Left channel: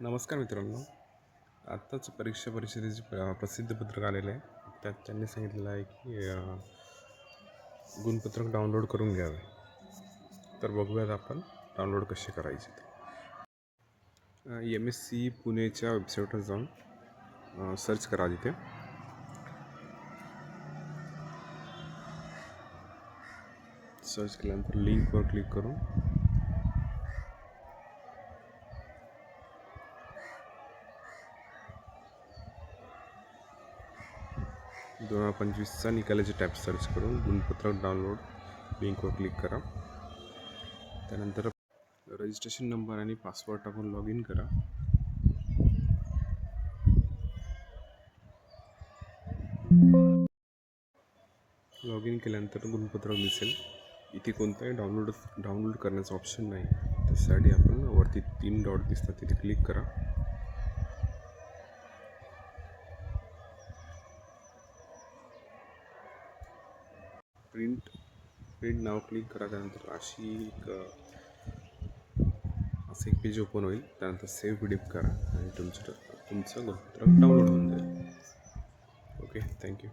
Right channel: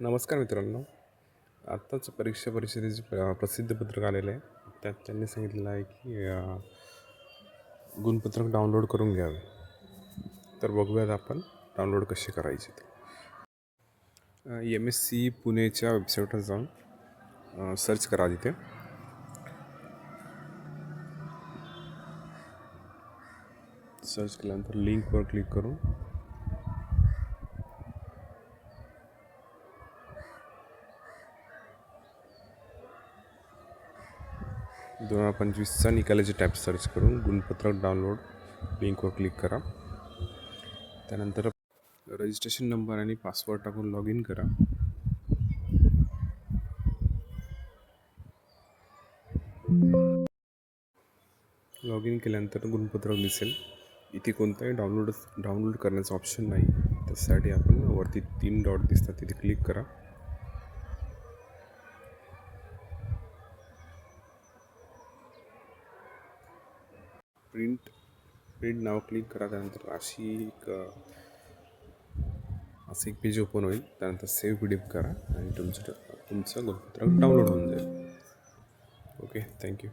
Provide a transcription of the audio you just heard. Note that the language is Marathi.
नमस्कार मित्रांनो. आत्ताच परीक्षा परिषदेचे प- प्रसिद्ध पत्रक आलेलं आहे. त्यात त्यांनी सांगितलेलं आहे की गुणपत्रक डाउनलोड करून घ्यावे. तर बघूयात आपण डाउनलोड कसे करायचे ते. एम एस सी पुणेच्या वेबसाईटवर जाऊन सर्च करा तिथे. सर्च केल्यानंतर लिंकवर क्लिक करून दोन हजार पंचवीसचा निकालाचे टॅप सर्च करून गुणपत्रक डाउनलोड लिंकवर क्लिक करा. त्यानंतर रजिस्ट्रेशन नंबर आणि पासवर्ड टाकून लॉग इन करा. लॉग इन केल्यानंतर गुणपत्रक दिसेल इथे कोणताही डाउनलोड डाउनलोड करण्याचं ऑप्शन नाही. त्यासाठी आपण वरती तीन डॉट दिसतात तिथे क्लिक करा. प्रिंट प्रिंट नाव क्लिक करा त्यानंतर अशी एक असं एक पेज ओपन होईल. त्यानंतर सेव्ह पी डी एफ करा आणि तुमचं तुमचं गुणपत्र डाउनलोड होऊन जाईल. Okay thank you